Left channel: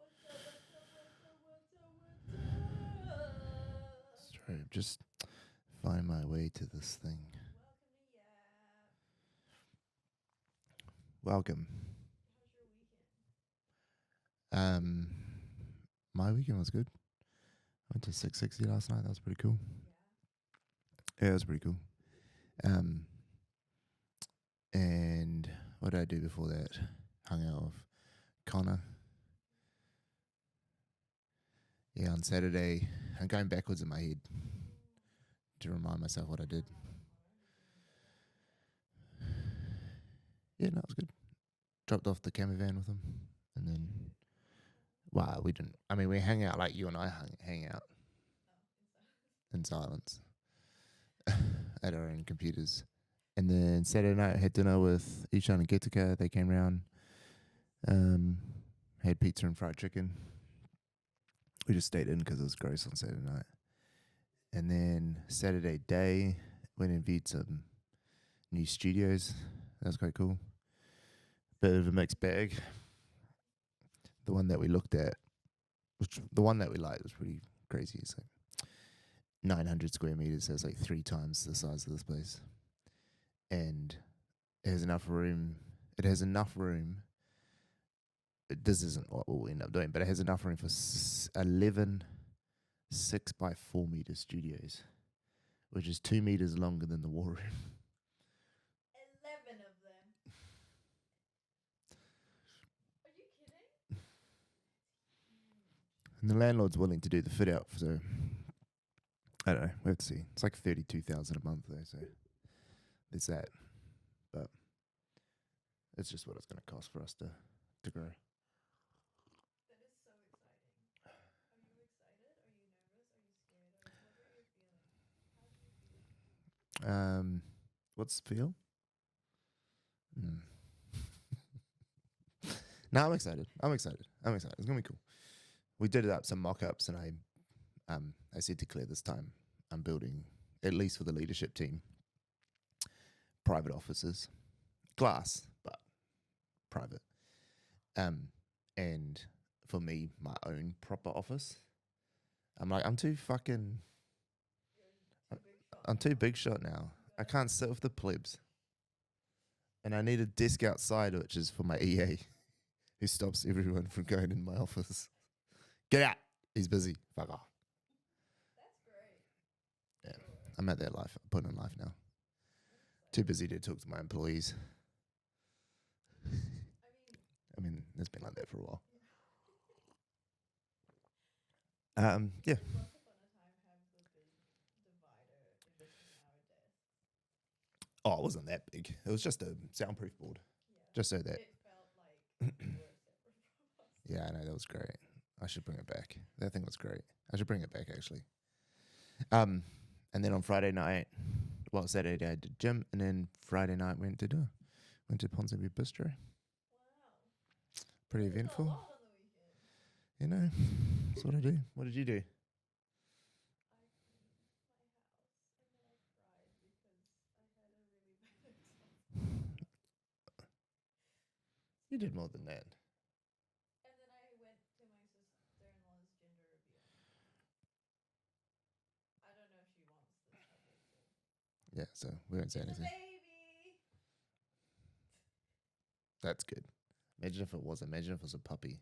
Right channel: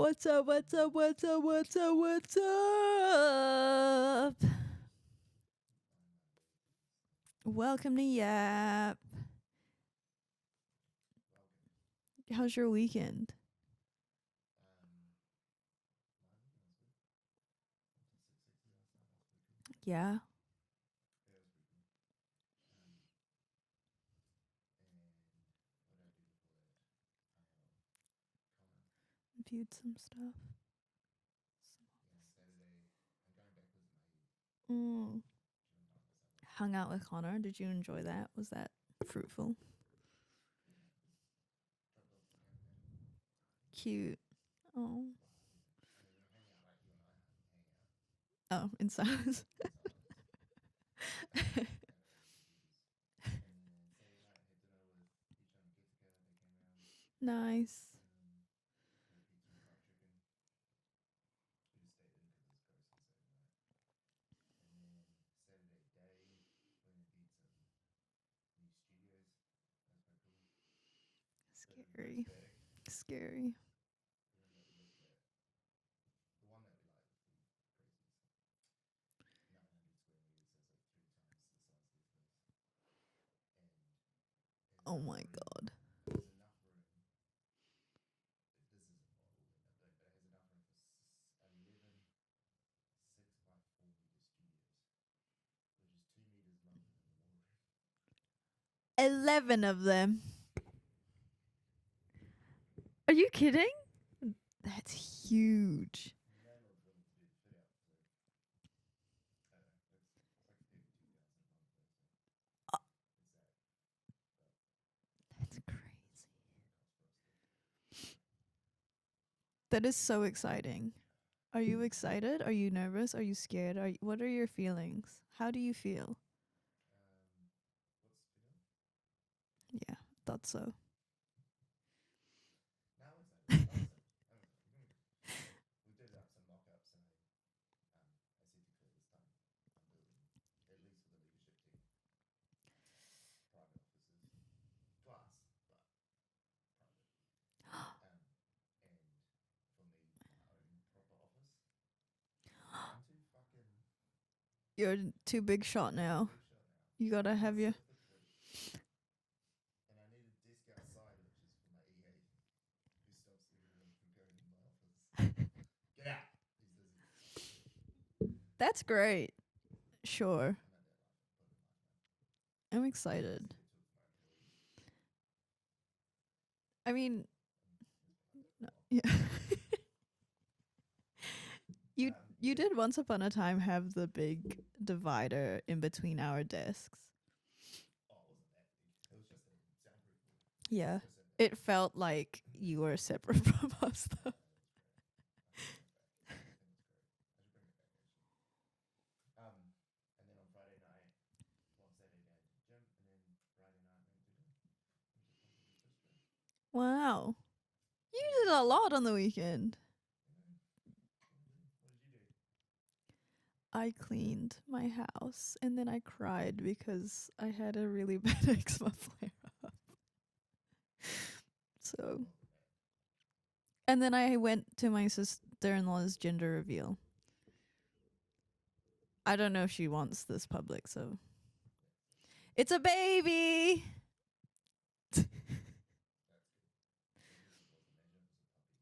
What's up? What's up? What's up? What's up? What's up? Just find my way to this thing. Welcome to YAP. Welcome. How's your weekend? My weekend was good. Went to 660 last night. That was pretty cool. Yeah. Yeah, it was pretty cool. And what did I do before that? Hung out with Connor. Viewed some stuff. Yeah, on Saturday. I'm going backwards in my head to remind myself what I did. Hung out with Connor. Did you enjoy that? Was that fruitful? Yeah, no, it was good. Dropped off the camper van with him. And then Cute. Oh. Wow, we didn't. I mean, we hang out like you and I hang out Oh, in silence. in silence at our own computers. And then Saturday night, had dinner with Ishan and Getika. They came round. Nice. Had pizza and fried chicken. We just stayed in because it was gross on Saturday night. And then Saturday day, went and viewed some new studios. That was quite cool. Bit of a mixed bag. Scary. The one that we looked at, the one that we liked was pretty crazy. It's like 900 square meters. So it's like 3 times the size of this place. And it has enough room. God. It has enough room. This isn't what we'll end up doing, but it has enough room for 11 6x4 meter studios, which is 2 meters longer than the war room. 11 of them. Are you kidding? That's huge. And the landlord's willing to do the fit out, so I don't know. We have to see. It's like 32,000 a month though, so there's that. But That's crazy. it's just what it's going to cost for us to go. That is so exciting. Are you excited? Are you nervous? Are you scared? What are your feelings? How do you feel? What's the feel? Yeah, thought so. No, I'm excited. I'm excited. It's gonna be cool. We did up some mock-ups, and I said to Claire this time, I'm building, at least for the leadership team, private offices, glass, but private. And for me, my own proper office. I'm like, I'm too fucking. You're too big shot I'm now. too big shot now. You gotta I can't have sit your with the plebs. And I need a desk outside, which is for my EA, who stops everyone from going in my office. Get out. He's busy. Fuck off. That's great. Sure. I'm at that life. Point in life now. I'm excited. Too busy to talk to my employees. I mean, it's been like that for a while. yeah. You Yeah. did once upon a time have the big divider in between our desks. Oh, it wasn't that big. It was just a soundproof board. Yeah. Just so that. It felt like you were separate from us. Yeah, I know. That was great. I should bring it back. That thing was great. I should bring it back, actually. And then on Friday night, Saturday I did gym, and then Friday night went to Ponsonby Bistro. Wow. Pretty You did a eventful. lot on the weekend. You know, that's what I do. What did you do? I cleaned my house and then I cried because I had a really bad eczema flare up. You did more than that. And then I went to my sister-in-law's gender reveal. I don't know if she wants this public, so. Yeah, so we won't say It's a anything. baby! That's good. Imagine if it was a puppy.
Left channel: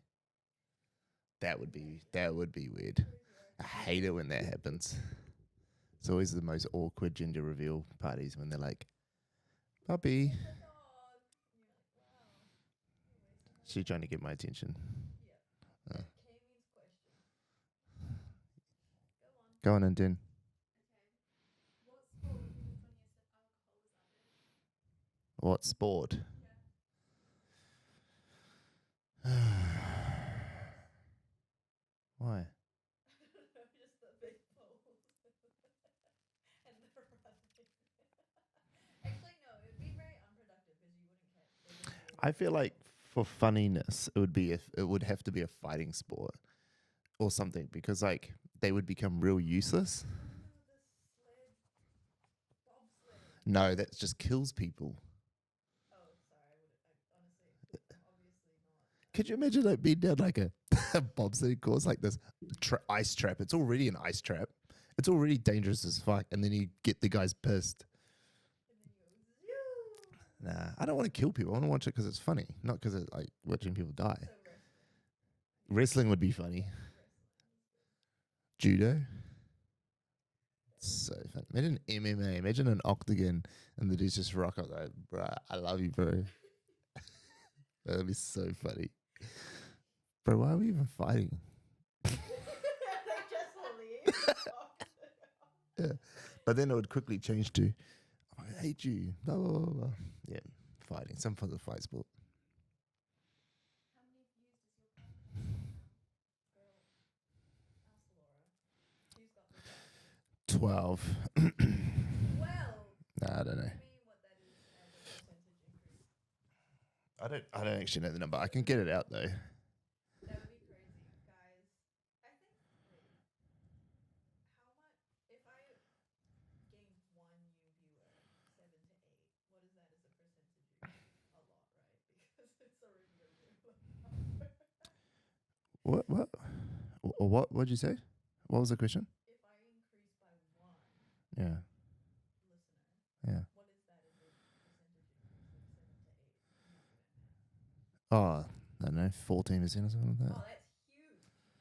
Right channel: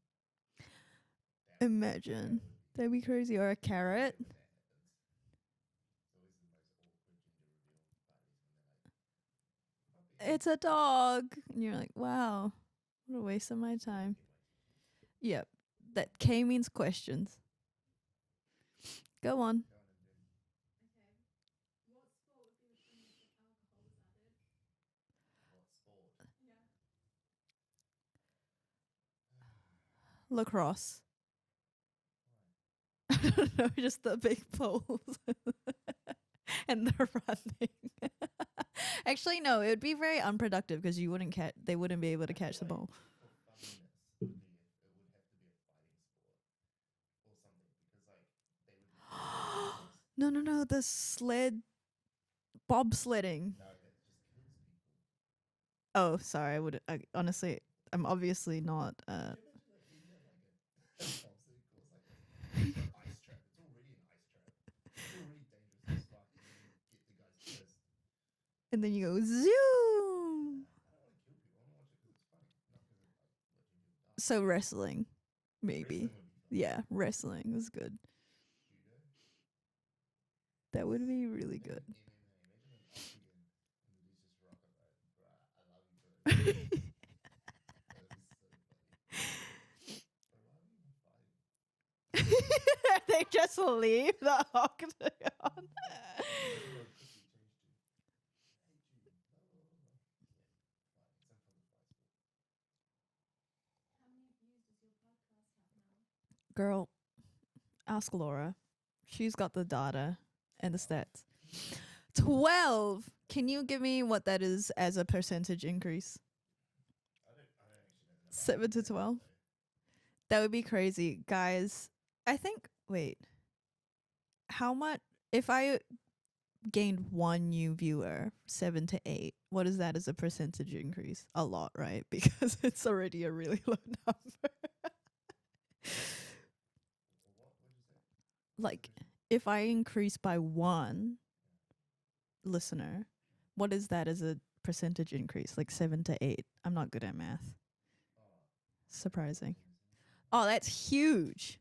That Imagine. would be weird. That'd be crazy. Or a I carrot. hate it when that happens. It's always the most awkward gender reveal parties when they're like, puppy. It's a dog. And you're like, wow, what a waste of my She's time. trying to get my attention. Yep. Oh. That K means questions. Go on. Go on, Anton. What sport? Lacrosse. Why? I don't know, just the big poles and the running. Actually, no, it would be very unproductive because you wouldn't catch. They wouldn't be able to I catch feel like the ball. for funniness, it would have to be a fighting sport or something because like they would become real useless. No, the bobsledding. No, that just kills people. Oh, sorry. I honestly, I'm obviously not. Could you imagine like being down like a bobsled course, like this ice trap. It's already an ice trap. It's already dangerous as fuck. And then you get the guys pissed. And then you go zoom. Nah, I don't want to kill people. I want to watch it because it's funny, not because it's like watching people die. So wrestling. Maybe. Wrestling would be funny. Yeah, wrestling is good. Judo. That would So be fun. really Imagine good. MMA. Imagine an octagon and the dudes just rock up like, bruh, I love you, bro. That would be so funny. Bro, why are we even fighting? They just leave the octagon. Yeah. But then it would quickly change to, I hate you. Blah, blah, blah, blah. Yeah, fighting. Some for the fight sport. Girl, ask Laura. She's got the data. 12. 12. Nah, I Can don't you know. give me what that is as a percentage increase? I don't actually know the number. I 7 can get to it out 12? though. That would be crazy. Guys, I think, wait. How much, if I gained one new viewer, 7 to 8, what is that as a percentage increase? A lot, right? Because it's already a really low number. What'd you say? What was the Like, question? If I increase by one Yeah. listener, Yeah. what is that as a percentage increase? Like 7 to 8. I'm not good at math. Oh, I don't know, Surprising. 14% or something like that. Oh, that's huge.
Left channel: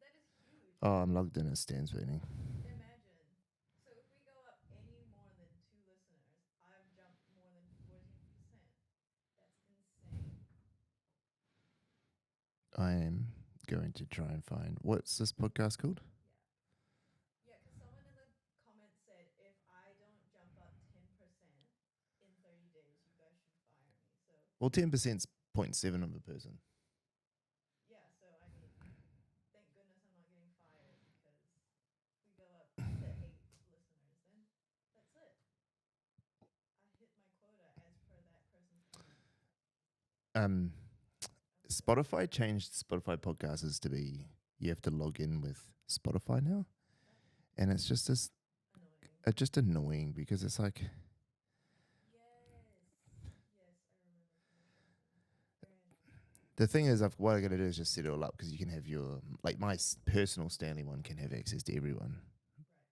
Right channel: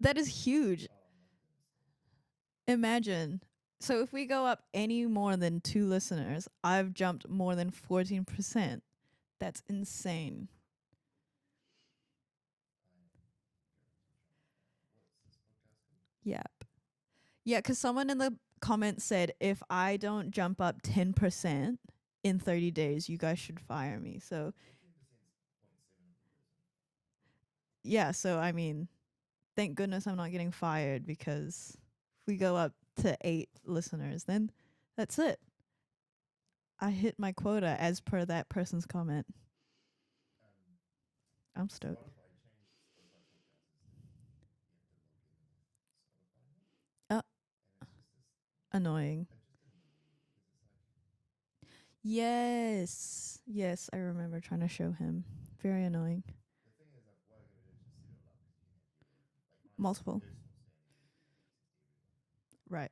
That is huge. Oh, I'm logged in as Stan's burning. Imagine. So if we go up any more than 2 listeners, I've jumped more than 14%. That's insane. I am going to try and find, what's this podcast called? YAP. Yeah, because someone in the comments said, if I don't jump up 10% in 30 days, you guys should fire me. So, Well, 10% is 0.7 of a person. yeah, so I mean, thank goodness I'm not getting fired, because if we go up to 8 listeners, then that's it. I hit my quota as per that person's comment. I'm stoked. Spotify changed Spotify podcasters to be, you have to log in with Spotify now. And it's just this, Annoying. it's just annoying because it's like, Yes, I remember trying to show him. Very annoying. the thing is, what I'm going to do is just set it all up because you can have your, like my Multiple. personal Stanley one can have access to everyone. Right.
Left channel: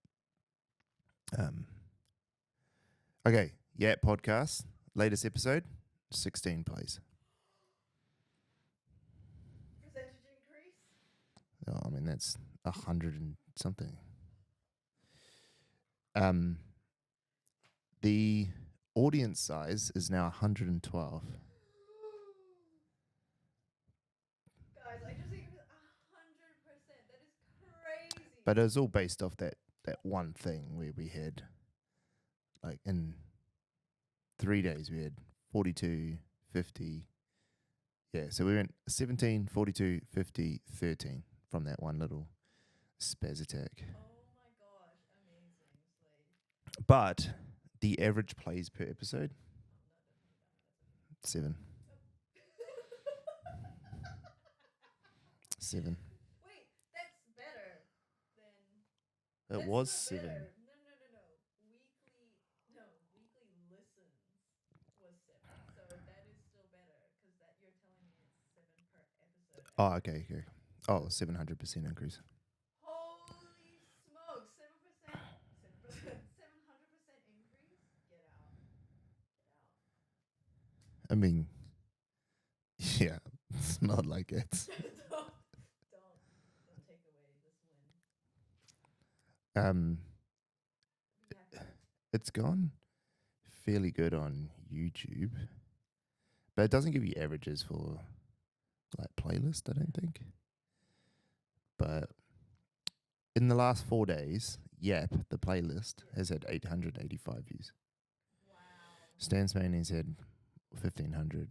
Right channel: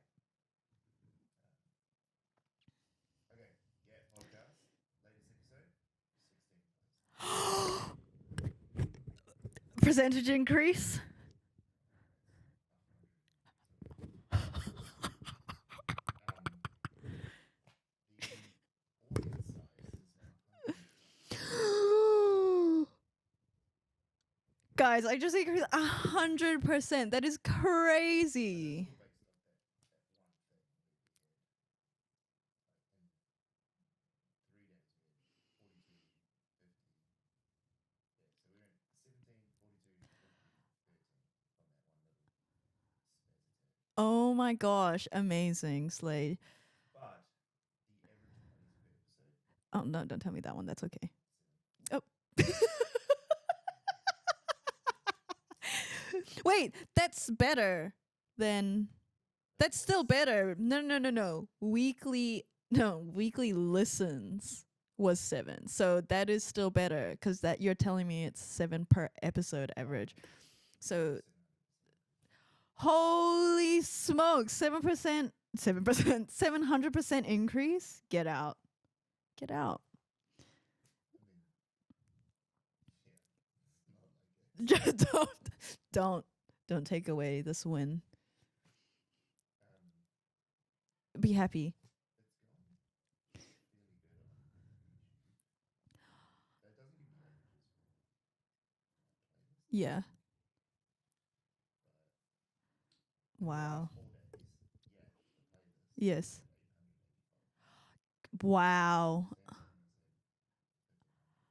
Okay, yeah, podcast, latest episode, 16 plays. Percentage increase? Oh, I mean, that's 100 and something. The audience size is now 112. Guys, I just increased 100%. That is crazy. But it was all based off that one thing where we had, like, in 3 days, we had 42, 50. Yeah, so we went 17, 42, 50, 13 from that one little spaz attack. Oh my gosh, amazing, Slade. But the average plays per episode, Oh no, don't tell me that one. That's okay. 7. Oh. 7. Wait, that's better than It that's was still 7. better. No. Weekly listens was 7. So that is still better, because that you're telling me it's 7 per episode Oh, average. okay. Yeah. So 700% increase. holy smokes, 7%, 700% increase? Get out. I mean, yeah, it's not like it. Just don't take away this win. Be happy. It's gone fairly good on YouTube, but it doesn't give you averages for like playlist, I Yeah. don't think. But in the last Wow. 4 days, YAP, the playlist, Yes. has had 885 views. Wow. Stan's Manny's had 1,500.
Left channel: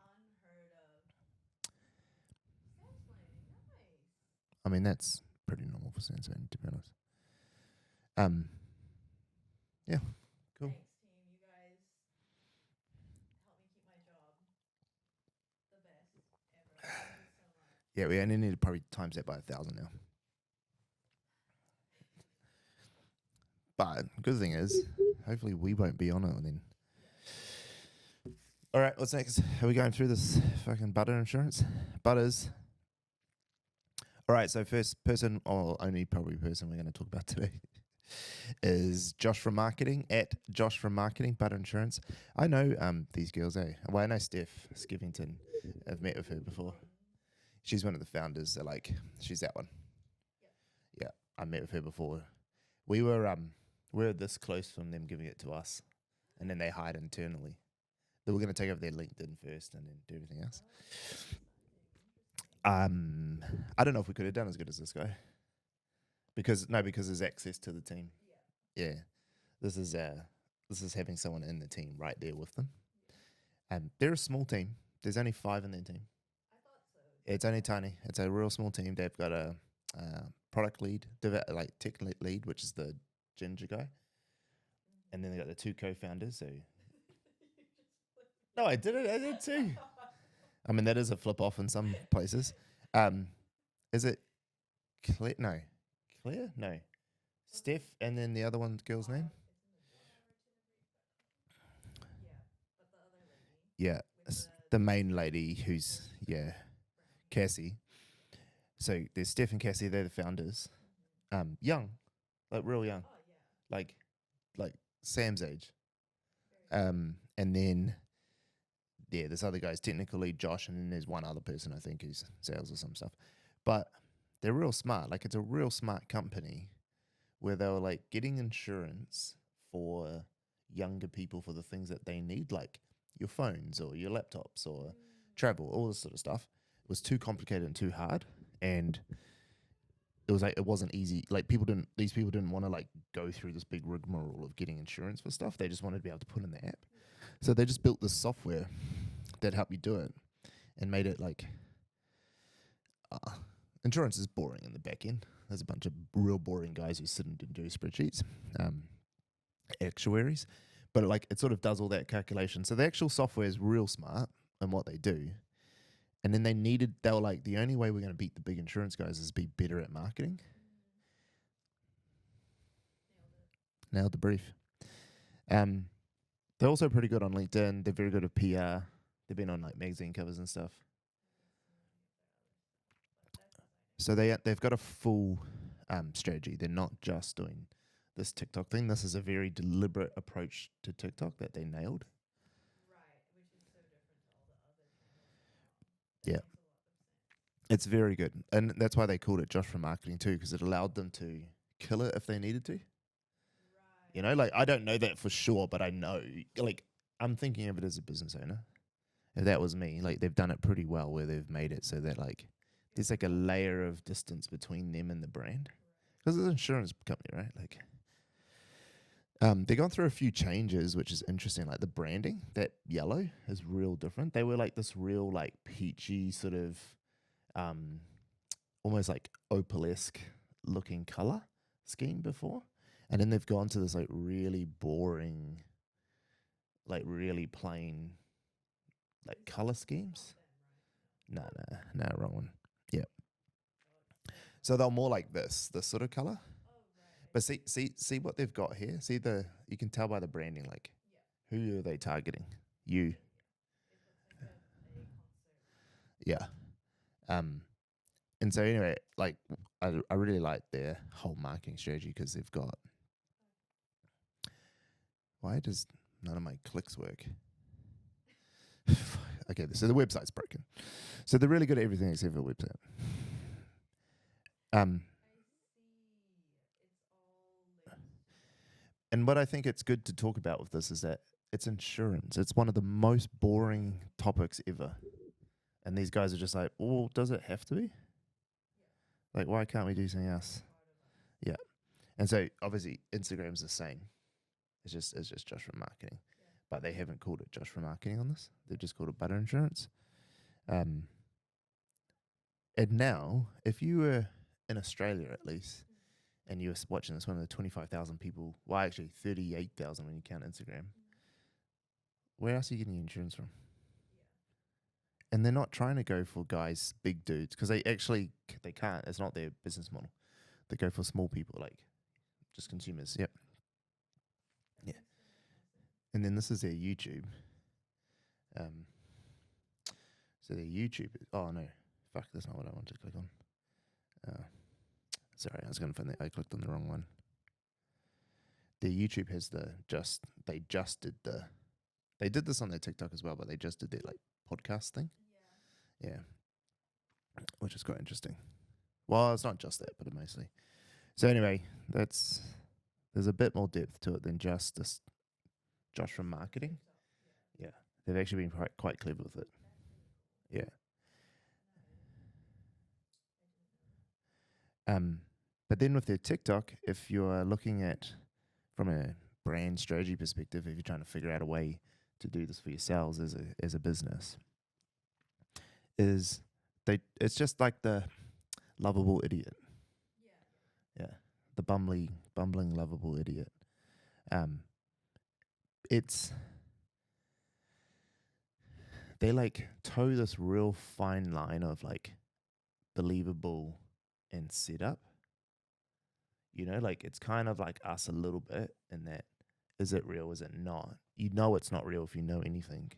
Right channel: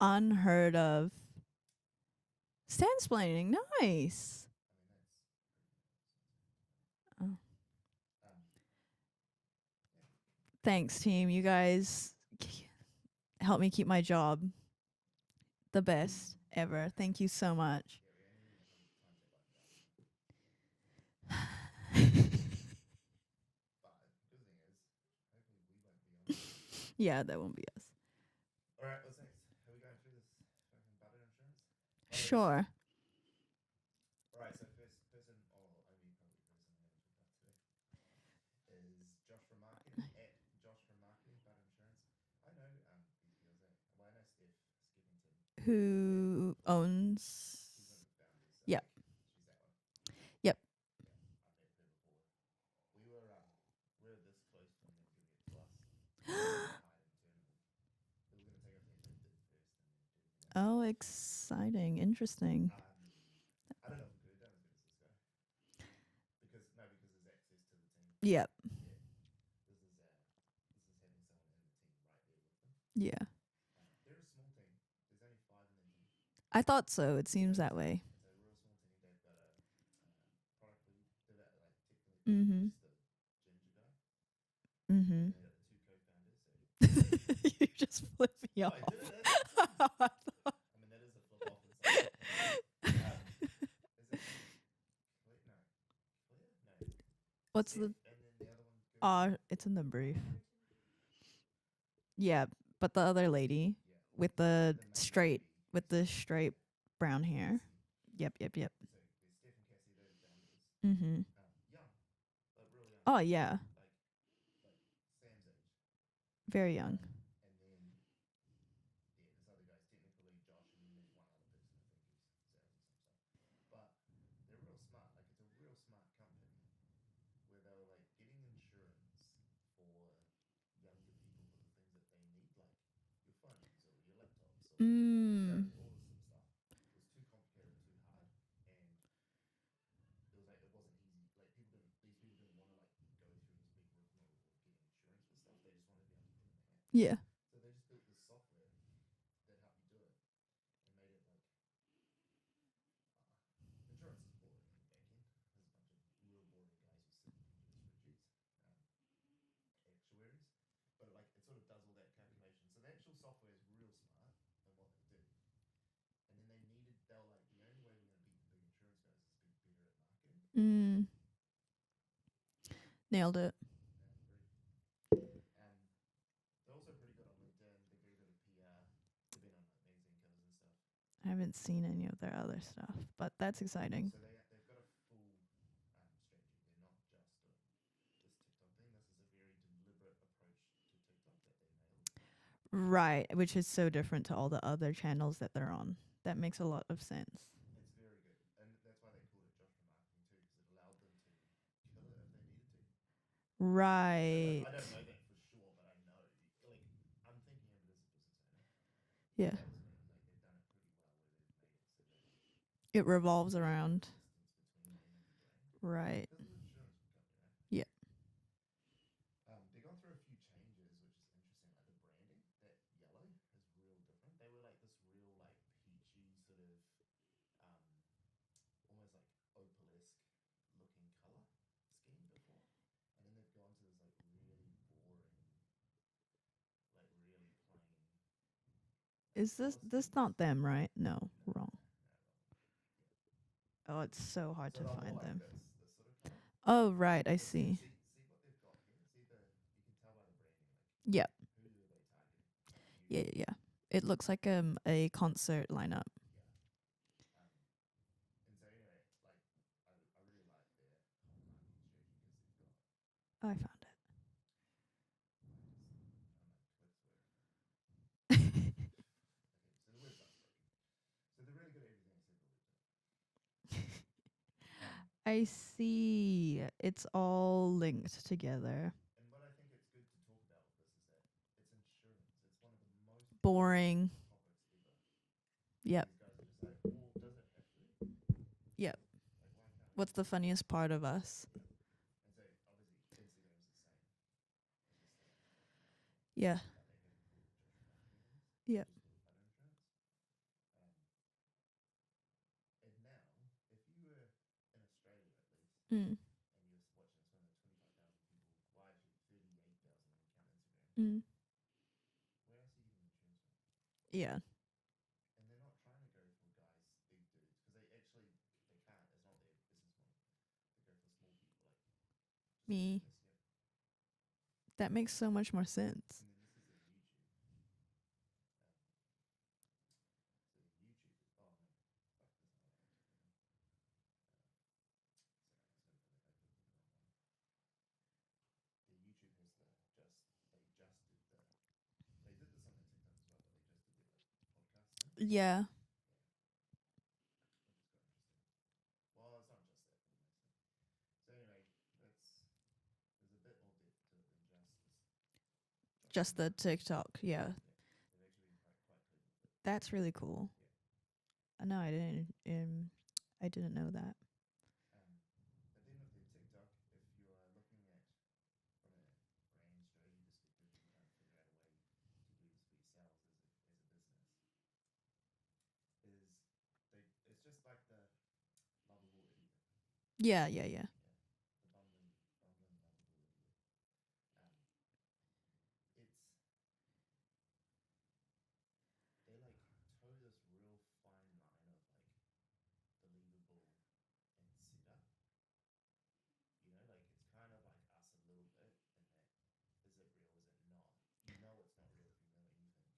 Unheard of. Stansplaining, nice. I mean, that's pretty normal for Stan's Manny, to be honest. Oh. Yeah. Cool. Thanks, team. You guys help me keep my job. The best ever. Thank you so much. Yeah, we only need to probably times that by 1,000 now. But good thing is, hopefully we won't be on it. I mean, Yeah, that won't be us. all right, what's next? Are we going through this fucking butter insurance? Butters. Sure. All right, so first person, or only probably person we're going to talk about today is Josh from Marketing, at Josh from Marketing, Butter Insurance. I know these girls, eh? Well, I know Steph Skivington. I've met with her Who before. owns? She's one of the founders. So Yep. she's that one. Yep. Yeah, I met with her before. We were this close from them giving it to us, and then they hired internally. They were going to take over their LinkedIn first and then do everything else. Oh, exciting. Interesting. I don't know if we could have done as good as this guy. Because there's access to the team. Yep. Yeah. This is having someone in the team right there with them. Yeah. They're a small team. There's only 5 in their team. I thought so. It It's seems only that tiny. way. It's a real small team. They've got a product lead, tech lead, which is the ginger guy. Mm-hmm. And then they got the 2 co-founders. So You just flipped me no, off. I did too. I mean, that is a flip off in some places. Is it Claire? No. Claire? No. What's Steph, and then the other one, girl's name? It's in the brief. Yeah, but the other lady Yeah. with the main straight, lady who's with the straight brown hair. Cassie. Yep. So there's Steph and Cassie, they're the founders. Mm-hmm. Young. Like real young. Oh yeah, Like Sam's age. very young. And then this other guy's technical lead, Josh, and then there's one other person I think who's sales or some stuff. But they're real smart. Like, it's a real smart company where they were like getting insurance for younger people for the things that they need, like your phones or your laptops or travel, all this sort of stuff. It was too complicated and too hard, and it was like it wasn't easy. Like these people didn't want to like go through this big rigmarole of getting insurance for stuff. They just wanted to be able to put in the app. Yeah. So they just built this software that helped you do it, and made it like insurance is boring in the back end. There's a bunch of real boring guys who sit and do spreadsheets, actuaries, but it sort of does all that calculation. So the actual software is real smart in what they do. And then they were like, the only way we're going to beat the big insurance guys is be better at marketing. Nailed it. Nailed the brief. They're also pretty good on LinkedIn. They're very good at PR. They've been on like magazine covers and stuff. I haven't seen any of their other stuff, but that's exciting. So they've got a full strategy. They're not just doing this TikTok thing. This is a very deliberate approach to TikTok that they nailed. Right, which is so different to all the other channels that they're on. That makes a lot of sense. It's very good. And that's why they called it Josh from Marketing too, because it allowed them to kill it if they needed to. Right. You know, like, I don't know that for sure, but I know, like, I'm thinking of it as a business owner. If that was me, like, they've done it pretty well where they've made it so that, like, there's like a layer of distance between them and the brand. Right. Because it's an insurance company, right? Like, they've gone through a few changes, which is interesting. Like, the branding, that yellow is real different. They were like this real, like, peachy sort of, almost like opalesque looking color scheme before. And then they've gone to this, like, really boring, like, really plain, like, color schemes. This not them, right? No. No, wrong one. Yeah. Oh, it's so hard. So they're more find like them. this sort of color. Oh, right. I But see. see what they've got here. You can tell by the branding, like, who are they targeting? You. Yeah. It looks like a concert lineup. Yeah. And so anyway, like, I really like their whole marketing strategy because they've got. I found it. Why does none of my clicks work? Okay, so the website's broken. So they're really good at everything except for the website. I see. It's all linked together. And what I think it's good to talk about with this is that it's insurance. It's one of the most boring topics ever. And these guys are just like, well, does it have to be? Yep. Like, why can't we do What's the something else? funniest part of us? Yeah. And so obviously Instagram's the same. It's just Josh from Marketing. Yeah. But they haven't called it Josh from Marketing on this. They've Yeah. just called it Butter Insurance. And now, if you were in Australia at least, and you were watching this, one of the 25,000 people, well, actually 38,000 when you count Instagram, where else are you getting your insurance from? Yeah. And they're not trying to go for guys, big dudes, because they can't. It's not their business model. They go for small people, like just consumers. Yep. That makes so much more sense. And then this is their YouTube. So their YouTube. Oh no, fuck! That's not what I wanted to click on. Sorry, I was going to find that. I clicked on the wrong one. Their YouTube has they did this on their TikTok as well, but they just did their like podcast thing. Yeah. Yeah. Which is quite interesting. Well, it's not just that, but mostly. So anyway, there's a bit more depth to it than just this Josh from Just the marketing. TikTok. Yeah. Yeah. They've actually been quite clever with it. That's really cool. Yeah. No, I didn't know that. But then with their TikTok, if you're looking at from a brand strategy perspective, if you're trying to figure out a way to do this for yourselves as a business, it's just like the lovable idiot. Yeah. Yeah. The bumbling lovable idiot. They like toe this real fine line of like believable and setup. You know, like it's kind of like us a little bit in that, is it real, is it not? You know it's not real if you know anything.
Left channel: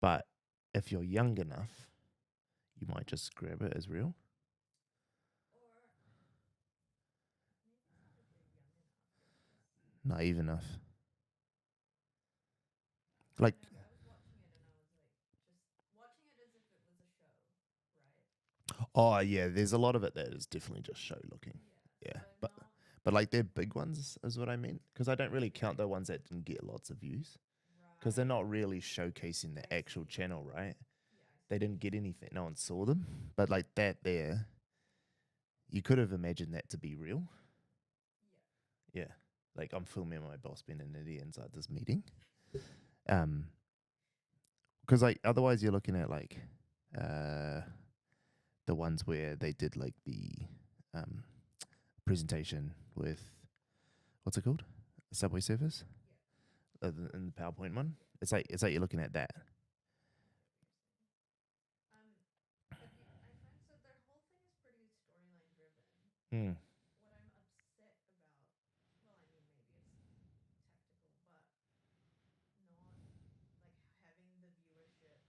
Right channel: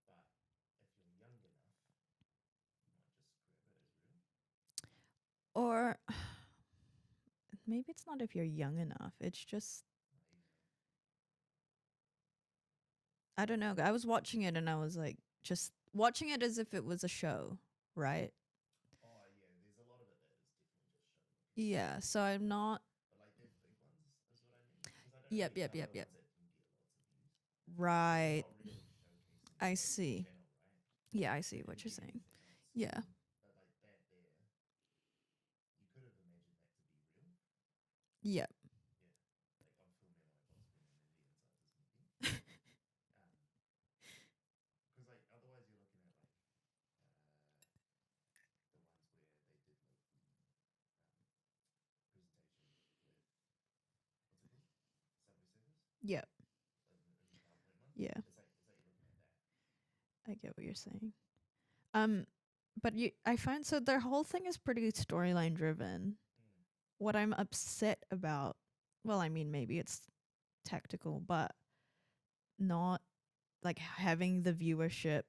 But if you're young enough, you might just grab it as real. Or maybe it's not if you're young enough. It's just naive enough. I Like- don't know. I was watching it and I was like just watching it as if it was a show, right? Oh, yeah, there's a lot of it that is definitely just show looking. Yeah. So I'm not But like they're big ones is what I mean. Because I don't really Yep, count the yep, ones that didn't get lots of views. right. Because they're not really showcasing the I actual see. channel, right? Yeah, I see. They didn't what you're get saying. anything. No one saw Yeah. them. But like that there, you could have imagined that to be real. Yeah. Yeah. Like I'm filming my boss being an idiot inside this meeting. Because like otherwise you're looking at like the ones where they did like the presentation with what's it called? Subway Surfers? Yeah. In the PowerPoint one? Yeah. It's like you're looking at that. I get what you're saying. But I find so their whole thing is pretty storyline driven. What I'm upset about, well, I mean, maybe it's tactical, but not like having the viewership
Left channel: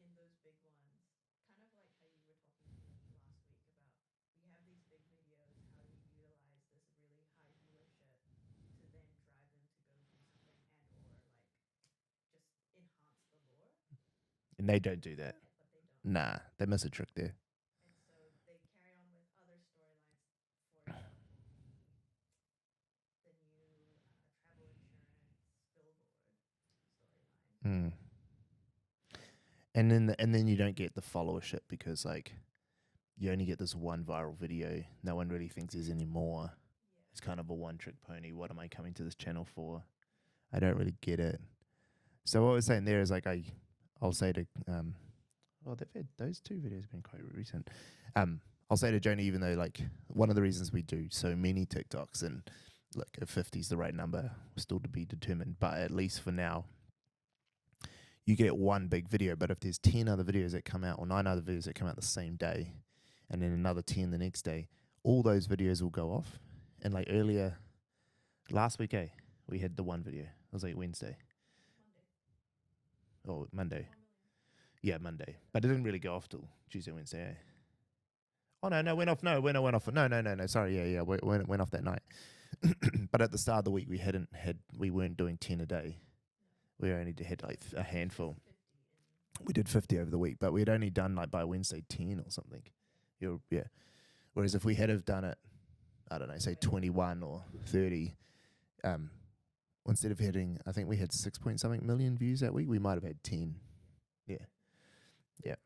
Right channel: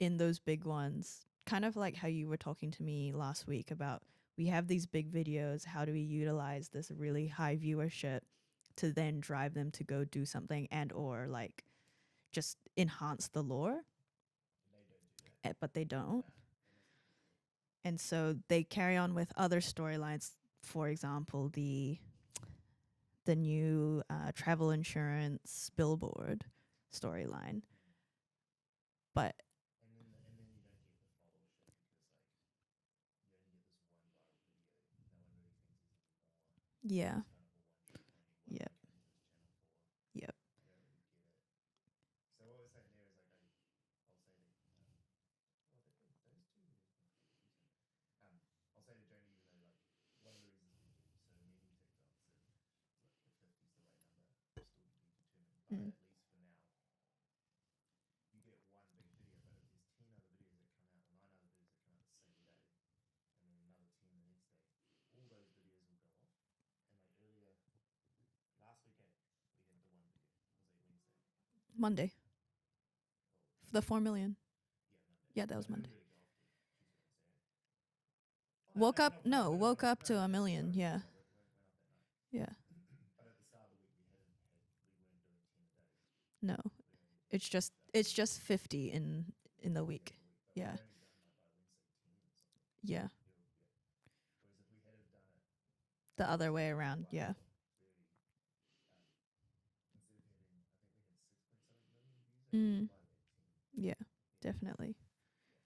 in those big ones. Kind of like how you were talking to me last week about we have these big videos. How do we utilize this really high viewership to then drive them to go do something and or like just enhance the lore? And they don't do that. But they don't. Nah, they miss a trick there. And so they carry on with other storylines. For example, the new travel insurance billboard storyline. But and then you don't get the followership because like you only get this one viral video. No one really thinks there's any more. yeah, It's kind of a one trick pony. What am I Yep. coming to this channel for? Yep. I don't really get it. So what we're saying there is like I'll say to they've had those two videos been quite recent. I'll say to Joni, even though like one of the reasons we do so many TikToks, and look, if 50 is the right number, still to be determined, but at least for now, you get one big video. But if there's 10 other videos that come out or 9 other videos that come out the same day, and then another 10 the next day, all those videos will go off. And like earlier, last week, we had the one video. It was like Wednesday. Monday, Or Monday. the 4 million. Yeah, Monday. Yeah, that but was it didn't Monday. really go off till Tuesday, Wednesday. Oh no, Woke went up- off. No, no, went woke off. up No, to a no. million, Sorry, yeah. yeah. Went off that night. Yeah, But at the start of the week, we weren't doing 10 a day. no, We only did it's like just a handful. it's just 50 in. We did in the 50 over week. the week, but we'd Yeah. only done like by Wednesday 10 or something. Yeah, Yeah. Whereas if we had have done it, I The don't know, other say way around, 21 yeah. or 30, instead of hitting, I think we had 6 point something million views that week, we Mm. might have had 10. yeah, Yeah. definitely. Yeah.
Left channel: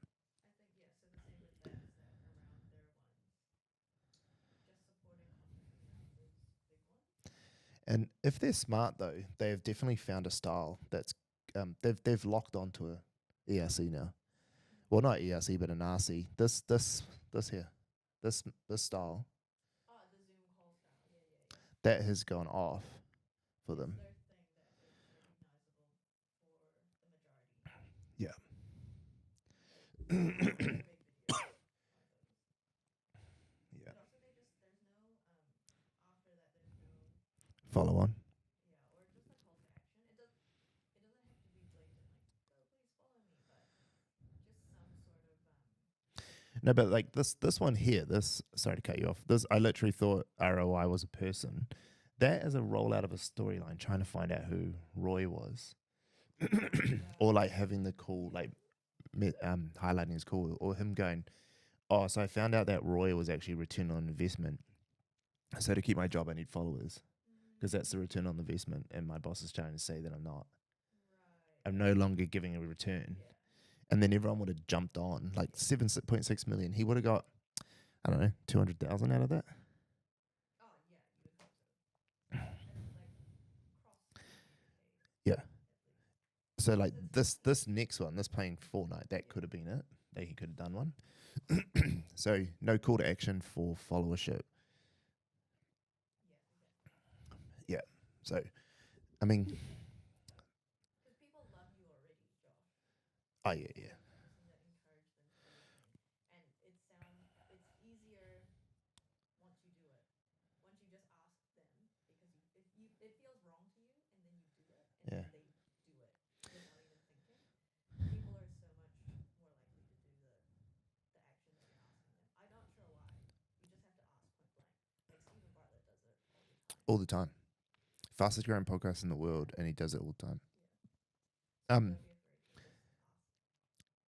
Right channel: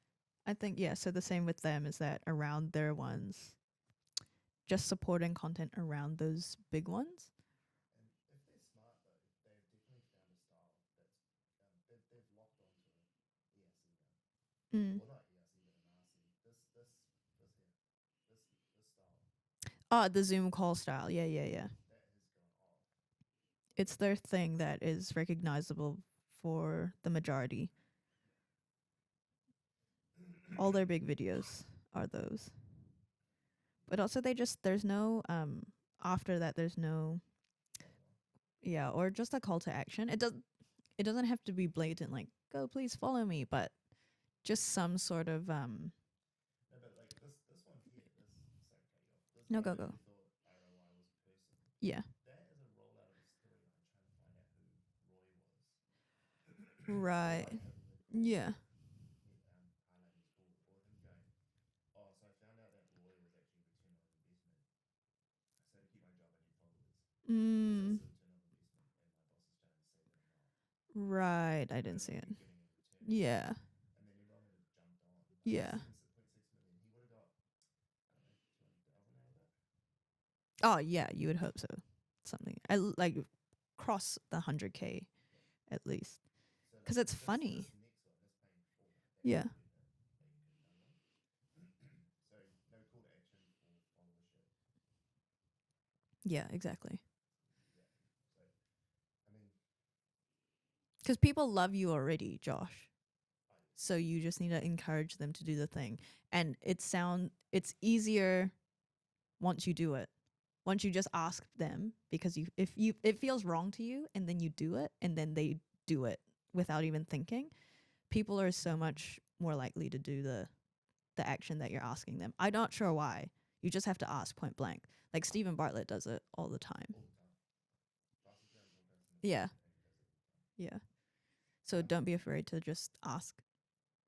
I think so the same with them is that around their ones, just supporting content around those big ones. And if they're smart though, they have definitely found a style that's they've locked onto a ERC now. Mm. Well, not ERC, but an RC. This here, this style Oh, the Zoom call style. Yeah. that has gone off for them. It's their thing that is recognizable for the majority. Yeah. All their big videos are those. Yeah. But also there's no after that there's no Follow on. or just a call to action. It doesn't have to be blatant like go please follow me, but just some sort of No, but like this one here, sorry to cut you off. This I No, go, literally thought ROI was a person. Yeah. That is a rollout of a storyline trying to find out who Roy was. Right. Or like having the call Yeah. like highlighting his call, or him going, oh, so I found out that Roy was actually return on investment. So to keep my job, I need followers because that's the return on investment, and my boss is trying to say that I'm not. Right. I'm I no did see longer it. giving a return. Yeah. And then everyone would have jumped on like Yeah. 7.6 million. He would have got, I don't know, 200,000 out of that. Oh yeah, you would hope so. Something like cross the 100K. Yeah. At least. So like 'Cause it's this funny. this next one, this playing Fortnite, that could Yeah. have been it. That he could have done one. So no call to action for followership. Yeah. Exactly. So, I mean, Because people love you already, Josh. oh yeah. So you just need to encourage them to do the thing. And it's easier once you do it. Once you just ask them, because it feels wrong to you, and then you do it, and Yeah. then they do it without even thinking. People are so much more likely to do the action that you're asking them. I'm not sure why. You just have to ask point blank. Like Stephen Bartlett does it all the time. All the time. Fastest growing podcast in the world, Yeah. and he does it all the time. Yeah. So Um, don't be afraid to just ask.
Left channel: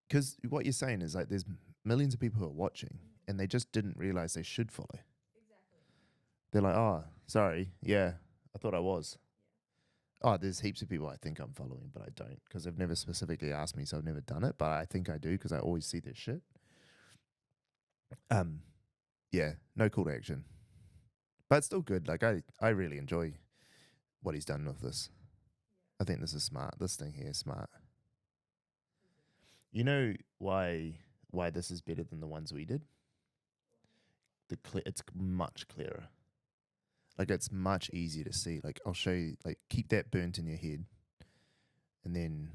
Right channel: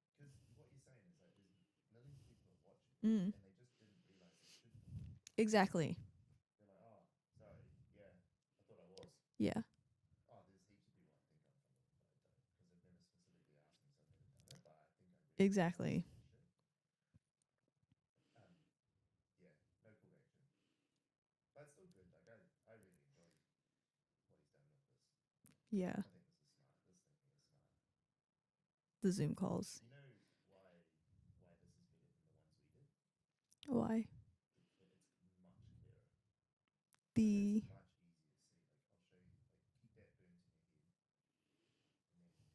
Because what you're saying is like there's millions of people who are watching, Mm. and they just didn't realize they should follow. Exactly. They're like, oh, sorry, yeah, I thought I was. Yeah. Oh, there's heaps of people I think I'm following, but I don't because they've never specifically asked me, so I've never done it. But I think I do because I always see Exactly. this shit. Yeah, no call to action, but it's still good. Like I really enjoy what he's done with this. Yeah. I think this is smart. This thing here is smart. The Zoom calls. You know why this is better than the ones we did? Why? It's much clearer. Like it's The- much easier to see. Like I'll show you. Like keep that burnt in your head, and then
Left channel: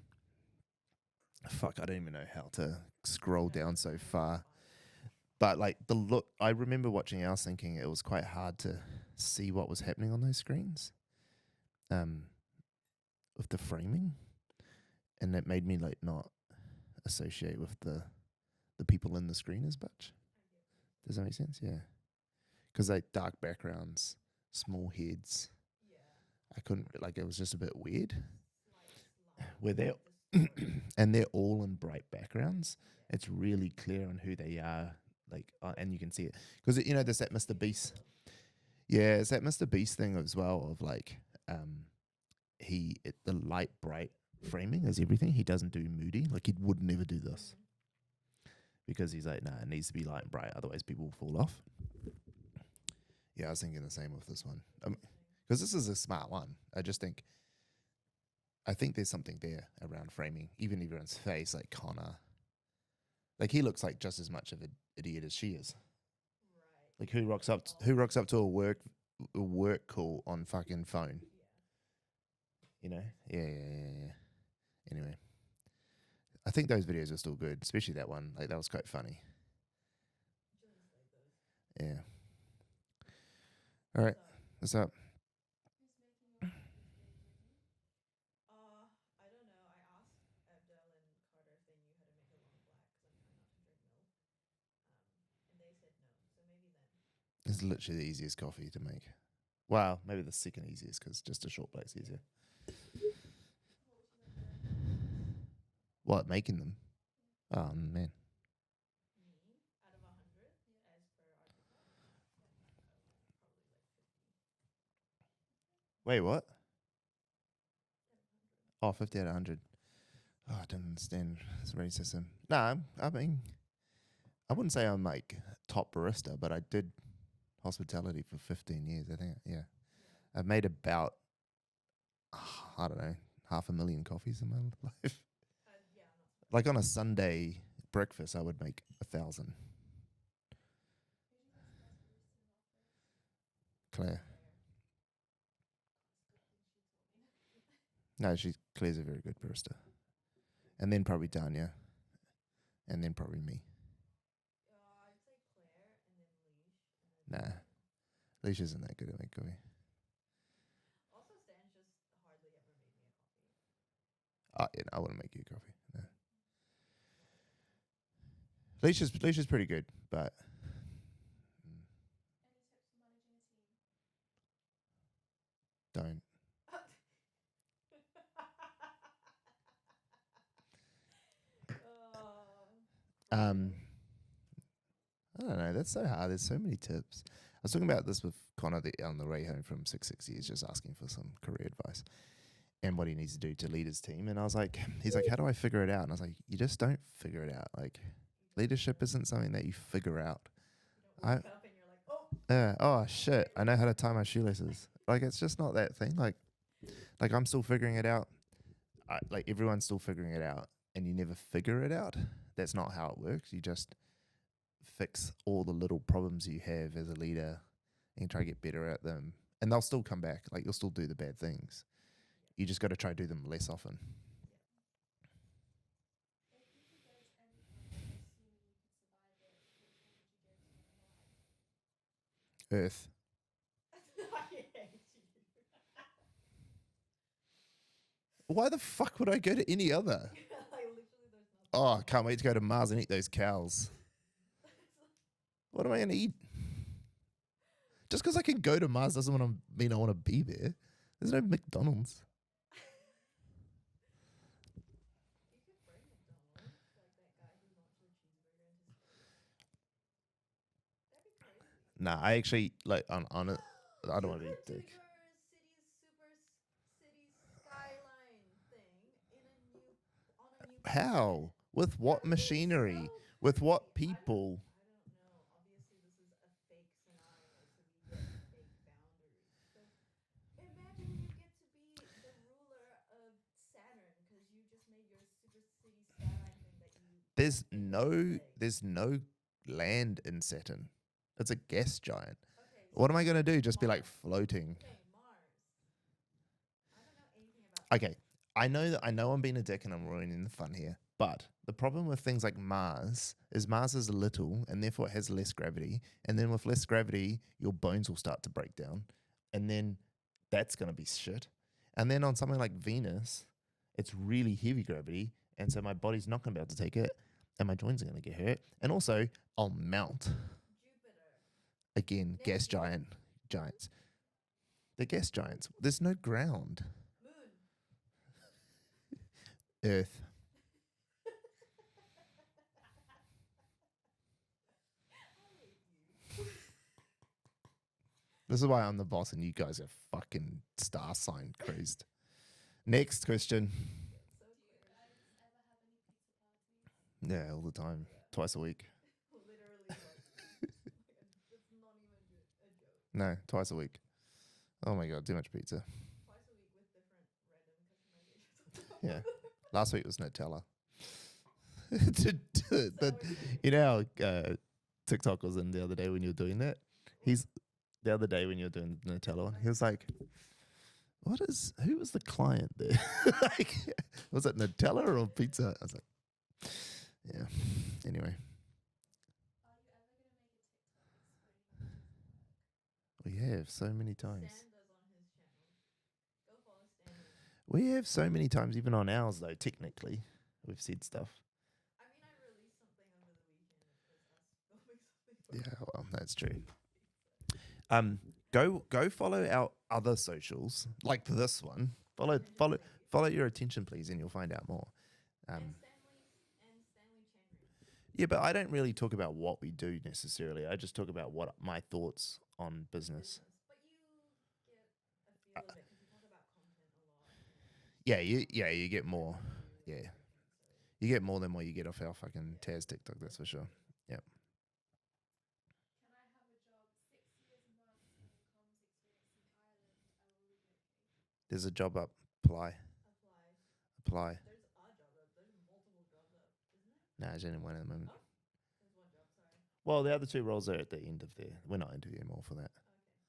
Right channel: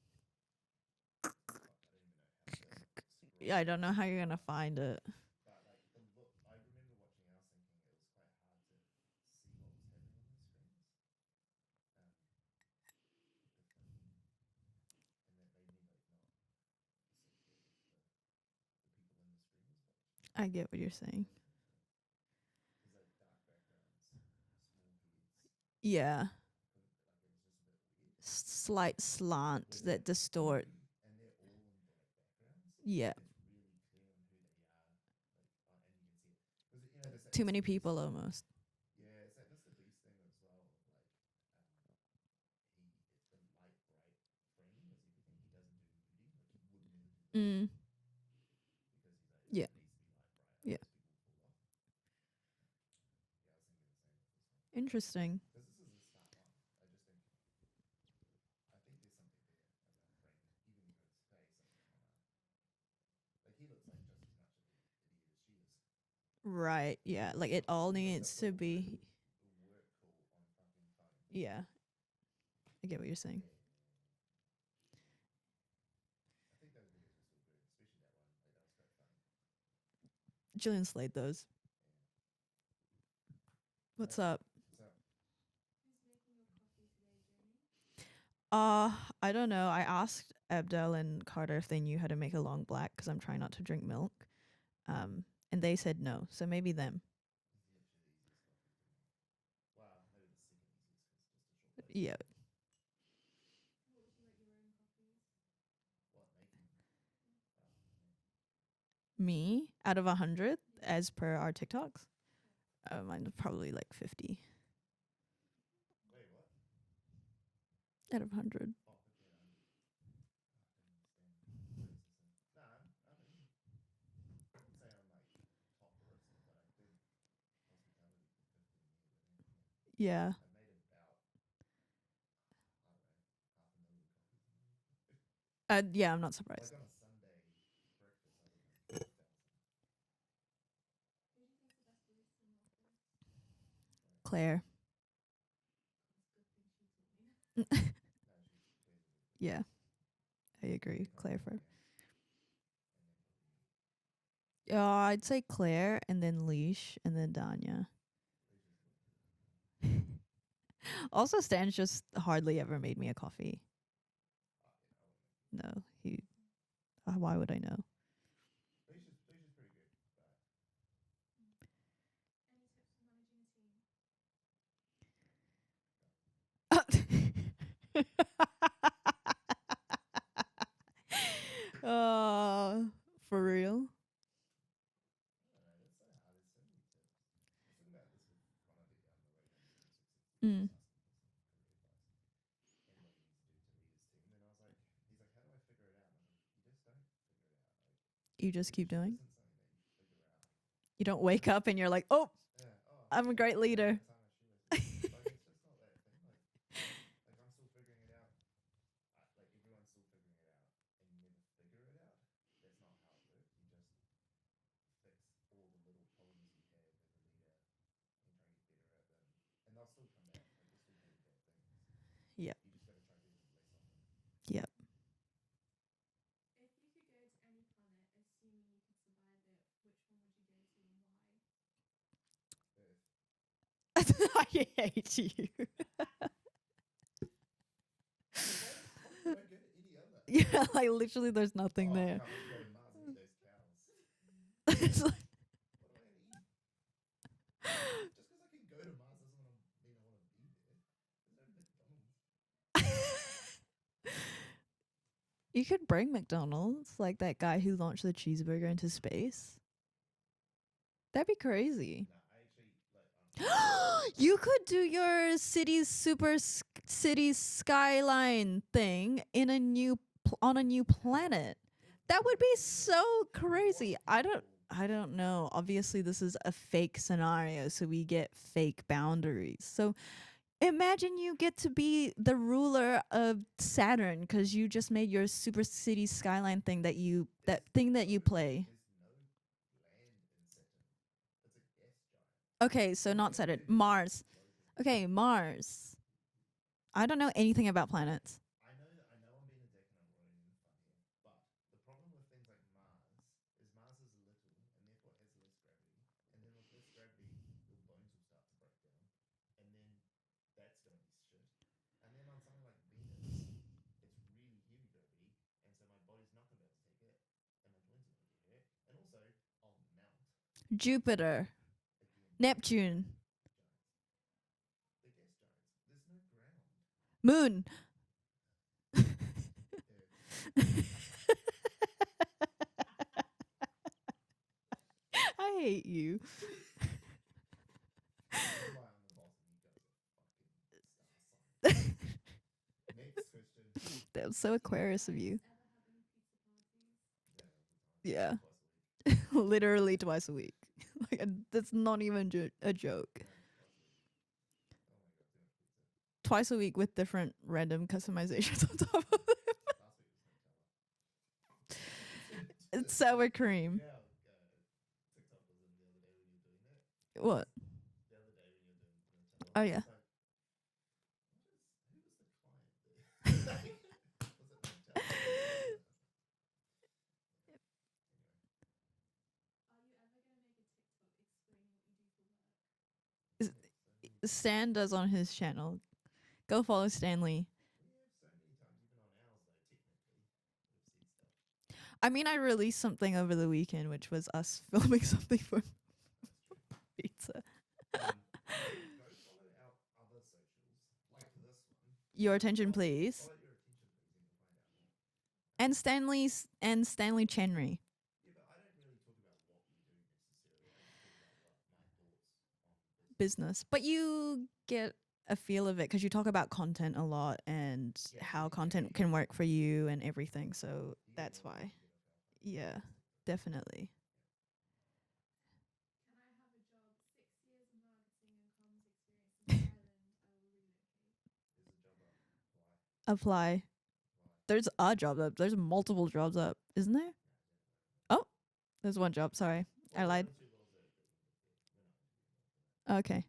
fuck, I don't even know how to scroll Yeah, I down don't so know how you're far. gonna find it. But like the look, I remember watching ours thinking it was quite hard to see what was happening on those screens, with the framing, and that made me like not associate with the people in the screen as much. I get what you're Does that saying. make sense? Yeah, because like dark backgrounds, small heads. Yeah. I couldn't like it was just a bit weird. Slight slants Were there- that distort. And they're all in bright backgrounds. Yeah. It's really clear on who they are, like, and you can see it because you know there's that Too Mr. many Beast. people almost. Yeah, it's that Mr. Beast thing as well of like, the light bright framing is everything. He doesn't do moody. Like he would never do this Mm. because he's like, no, Yeah. it needs to be light and bright, otherwise people will fall off. Yeah, I was thinking the same with this one. Interesting. Because this is a smart one. I think there's something there around framing. Even everyone's face, like Connor, like he looks like just as much of an idiot as she is. Right. Like, who yeah. rocks Like up it t- all who rocks up needs to a to work- be. A work call on fucking phone. Yeah. You Get know? what you're saying. Yeah. Anyway, I think those videos are still good, especially that one. Like that was quite funny. Jillian slayed those. Yeah. All right, What's up? what's up? I don't know. I asked Abdel and Carter if they knew how to make a long black because I'm trying not to drink milk. And they said no. So maybe them. It's literally the easiest coffee to make. Wow, maybe the second easiest because just a short black's Yeah. easier. What, making them? Oh man, Me out of 100 as per our TikToks. Mine is probably like 50 wait, what? out of 100. Oh, 50 out of 100. Oh, I don't understand this racism. No, I mean, I wouldn't say I'm like top barista, but I did hospitality for 15 years. I think, yeah. Yeah. I've made about, I don't know, 500,000 coffees in my life. Yeah, I'm not surprised. Like on a Sunday breakfast, I would make 1,000. Claire. No, Claire's a very good Yeah. barista. I agree. And then probably Claire first. Danya. And then probably me. I'd say Claire and then Leash and then Nah. Danya. Leash isn't that good at making coffee. Also, Stan's just hardly ever made me a coffee. I wouldn't make you a coffee. No. Why would I know? Leisha's pretty good, but don't. For Um, real? I don't know. That's so hard. There's so many tips. I was talking about this with Connor on the way home from 660. He's just asking for some career advice and what he needs to do to lead his team. And I was like, he's like, how do I figure it out? And I was like, you just don't figure it out. Like, You just keep leadership doing? isn't something that you figure out. You don't wake up and you're like, oh, Oh I'm a shit! great I know how to leader. tie my shoelaces. Like it's just not that thing. Like I'm still figuring it out. Like everyone's still figuring it out, and you never figure it out. That's not how it works. You just fix all the little problems you have as a leader, and try to get better at them. And they'll still come back. Like you'll still do the bad things. Yeah. You just got to try to do them less often. Yep. Earth. I hate you. Why the fuck would I go to any other? Yeah, like literally there's nothing Oh, I there. can't wait to go to Mars and eat those cows. It's like, What am I going to eat? Just because I can go to Mars doesn't mean I want to be there. There's no McDonald's. you could bring McDonald's, like that guy who launched the cheeseburger into space. That'd be crazy. Nah, I actually like on You could do your city's city skyline thing in a new on a new How? planet. With what That would machinery? be so With what crazy. people? I don't know. Obviously, this is a fake scenario, so we get fake boundaries. So imagine you get to be the ruler of Saturn because you just made your super city skyline thing that you that you play. There's no land in Saturn. It's a gas giant. Okay, so What am I not going to do? Saturn, Just Mars. be like floating? Okay, Mars. I don't know anything about Okay. planets. I know I'm being a dick and I'm ruining the fun here, but the problem with things like Mars is little and therefore it has less gravity. And then with less gravity, your bones will start to break down. And then that's going to be shit. And then on something like Venus, it's really heavy gravity. And so my body's not going to be able to take it. And my joints are going to get hurt. And also, I'll melt. Jupiter. Again, Neptune. giants. The gas giants. There's no ground. Moon. Earth. I hate you. This is why I'm the boss and you guys are fucking star sign crazed. Next question. That was so Aquarius of you. Yeah, all the time. Yeah. Twice a week. Literally twice a week. Like that's not even a joke. No, twice a week. Oh my God, too much pizza. Twice a week with different random customizations on top Yeah. of it. Last week was Nutella. Sour cream. You know how TikTok was in the other day when you were doing that? What? The other day when you were doing the Nutella. Oh, It's yeah. like, who was the client there? Like, was it Nutella or pizza? I was like, yeah. Anyway. We have so many times. Stan does on his channel. Go follow Stanley. We have so many times, even on ours though, technically. We've said stuff. I mean, I released something over the weekend, which was us filming something for Yeah, well, that's true. pizza. Go follow our other socials, like this one. Your attention, please. Follow your attention, please, and you'll find out more. And Stanley Chenry. Yeah, but I don't really talk about what we do necessarily. I just talk about what my thoughts on business. But you get a feel of it because you talk about content a lot and Yeah, how content get can more. work for you and Yeah. everything. So You get that's more than why. what you get off our fucking Yeah, Taz TikTok. That's for sure. Definitely. Yep. There's a job up. Apply. Apply. There's a job up. There's multiple jobs up, isn't there? No, there's only one at the moment. Oh, there's one job. Sorry. Well, I the other lied. 2 roles are at the end of there. We're not interviewing more for that. Okay.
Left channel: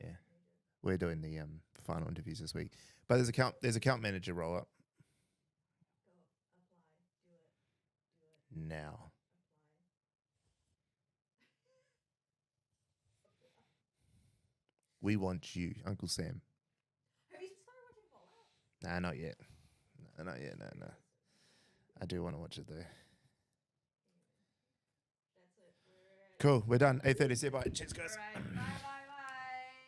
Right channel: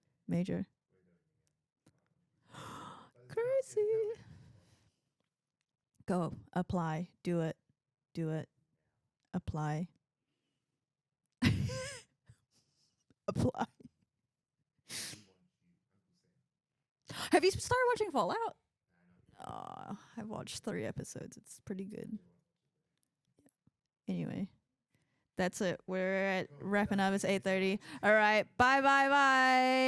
Yeah. Major. We're doing the final interviews this week. But there's Crazy. account manager roll up Go. Apply. Do it. Do it. now. Apply. Apply. We want you, Uncle Sam. Have you started watching Fallout? Nah, not yet. I No, watched yeah, no, 3 no. episodes. It's pretty good. I do want to watch it though. Anyway. That's it. We're at Cool. We're wrapping done. up. It's 8:30. 8:30. All right. Bye. Bye. Bye.